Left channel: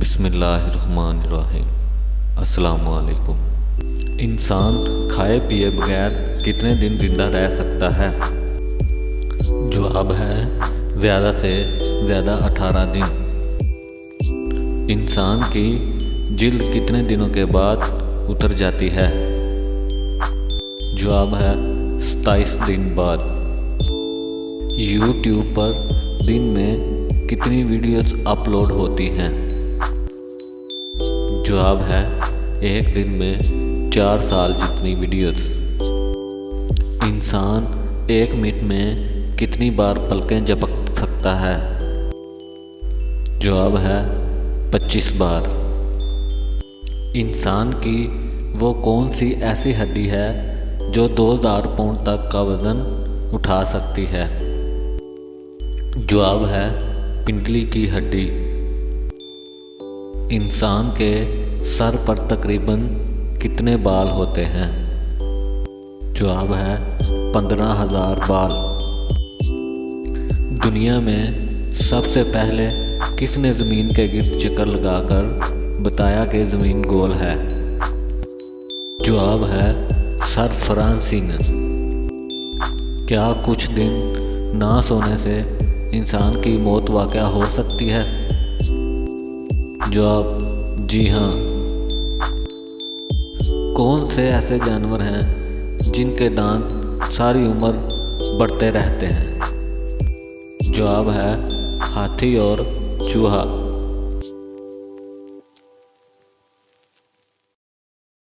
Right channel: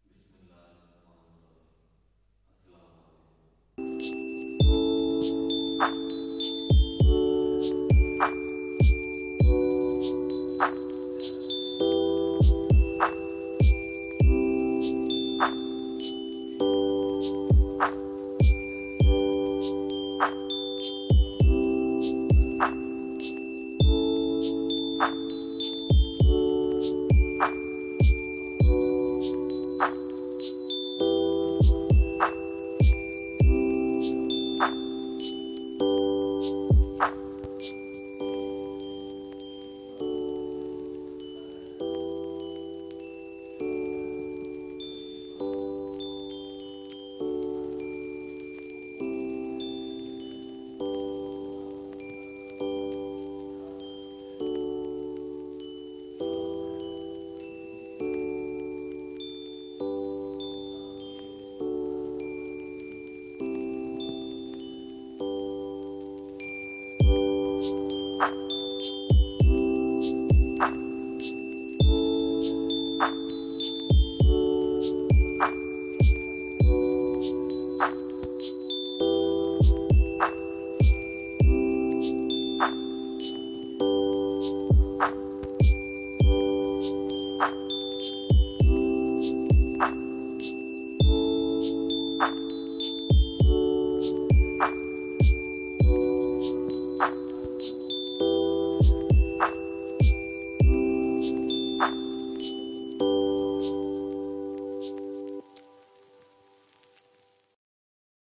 بسم اللہ الرحمن الرحیم۔ السلام علیکم۔ انسان کھائے پیے بغیر کتنے دن زندہ رہ سکتا ہے؟ جواب ہے زیادہ سے زیادہ 18 دن۔ انسان کی جلد کتنے دنوں کے بعد اتر جاتی ہے؟ جواب ہے 27 دن بعد۔ یوٹیوب پر دن میں کتنی ویڈیوز اپلوڈ ہوتی ہیں؟ جواب ہے ایک دن میں 4 سال جتنی ویڈیوز۔ انسان 1 منٹ میں کتنی بار پلکیں جھپک سکتا ہے؟ جواب ہے 25 بار۔ انسان کی وہ کون سی ایسی ہڈی ہے جو 2000 پاؤنڈ تک کا وزن اٹھا سکتی ہے؟ جواب ہے پنڈلی کی ہڈی۔ انسان کے سر پر تقریباً کتنے بال ہوتے ہیں؟ جواب ہے 15,000 بال۔ دنیا میں سب سے پہلے کس نے زمین کے گرد چکر لگا کر بتایا کہ زمین گول ہے؟ جواب ہے سر فرانسس نے۔ کیا کچھ دن نہ سونے سے انسان کی موت واقع ہو سکتی ہے؟ جواب جی ہاں۔ کون سے ایسے جانور ہیں جن کے دانت ساری عمر بڑھتے رہتے ہیں؟ جواب ہے ہاتھی اور چوہا۔